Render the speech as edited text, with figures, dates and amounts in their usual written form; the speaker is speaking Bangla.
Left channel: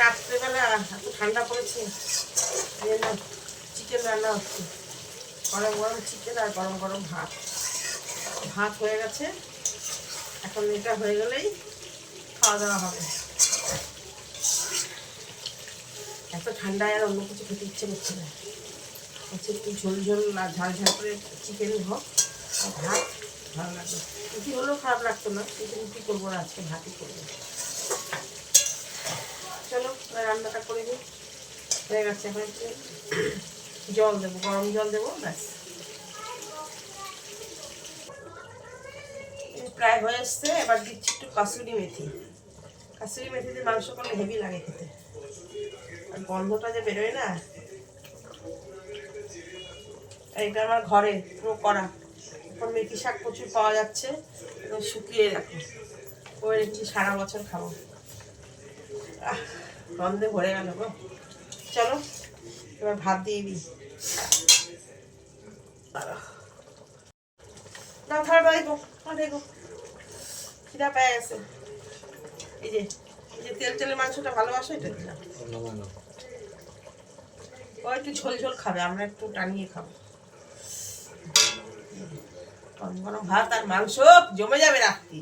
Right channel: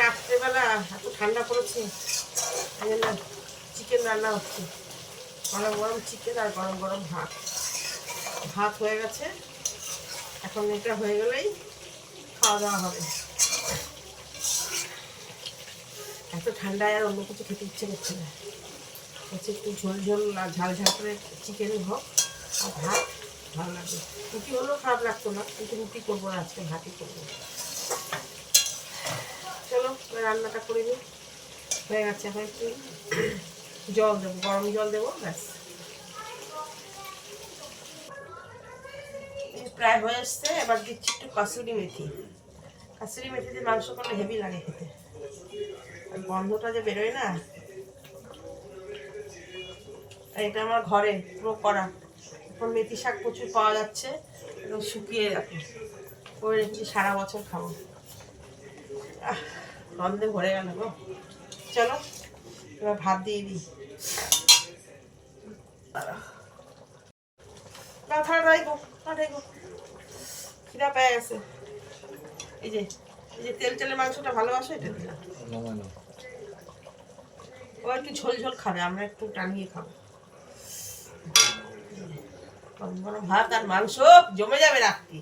রাত্রেবেলা এত ঠান্ডা পড়েছে, চিকেন রান্না হচ্ছে। গরম গরম চিকেন আর গরম গরম ভাত। ভাত হয়ে গেছে, এখন এটা হয়ে গেলেই খাওয়া দাওয়া হবে। এত ঠান্ডায় আর অন্য কিছু খেতে ইচ্ছে করছে না, হচ্ছে একটু ঝোল ঝোল আর ঝাল ঝাল করে চিকেন হোক আর ভাত ভালো লাগবে। রুটি হলেও খারাপ লাগতো না, কিন্তু রুটি করবো না, আজকে ভাতই করবো। চলো রান্নাটা করে নিই। হয়ে গেছে, এখন একটু জল দেবো, গরম জল দেবো, ব্যাস। প্রায় হয়ে এসছে, এবার দিচ্ছি একটু কাসুরি মেথি। কাসুরি মেথি দিয়ে মাংস করলে হেভি লাগে খেতে, আর গন্ধটা যে বেরোয় না। আর এটা আমার ঘরে পুরো করা, এখন মেথি শাক প্রচুর পাওয়া যাচ্ছে, এবং শুকিয়ে রাখো করে রেখেছি, সারা বছর খাবো। গন্ধে ভরে গেল গো। চলো এবার ভাত দিয়ে দিই। খিদা পেয়ে গেছে। এই যে তেল তেলের মাংসটা ভালোবাসো, এটা দিলাম। ও একটু ঝোল ঝোল খাবে, আমরা একটু টানিয়ে খাবো। গরম গরম ভাত আর মাংস জমে যাবে রাত্রি।